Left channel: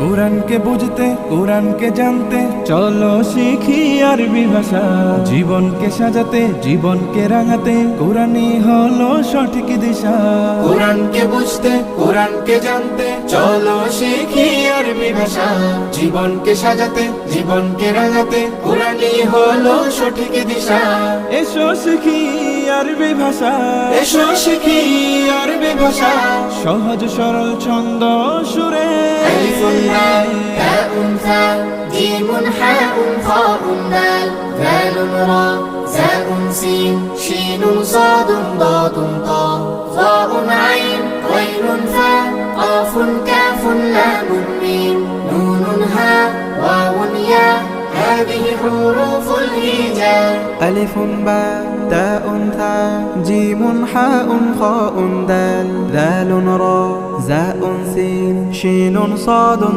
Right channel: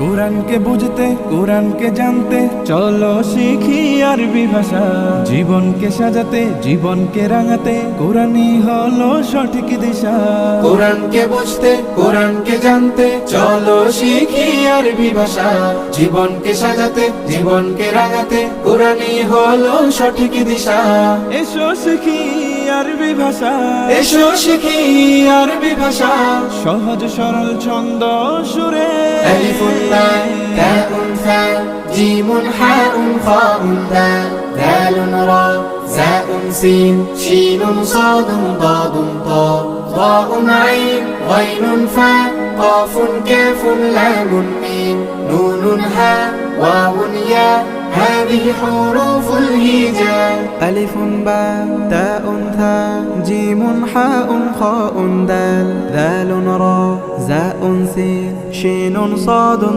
কোরআনকে বুঝতে কোরআনকে জানতে চলো শিখি আরবি ভাষা। জীবনকে সাজাতে জীবনকে রাঙাতে কোরআনই হলো সঠিক দিশা। কোরআনকে বুঝতে কোরআনকে জানতে চলো শিখি আরবি ভাষা। জীবনকে সাজাতে জীবনকে রাঙাতে কোরআনই হলো সঠিক দিশা। এসো শিখি আরবি ভাষা, এসো শিখি আরবি ভাষা। সহজ সরল ছন্দ সুরে تاء ثاء جيم حاء خاء دال ذال راء زاء سين شين صاد ضاد طاء ظاء عين غين فاء قاف كاف لام ميم نون هاء واو ياء هذه حروف الهجاء ألف باء تاء ثاء جيم حاء خاء دال ذال راء زاء سين شين صاد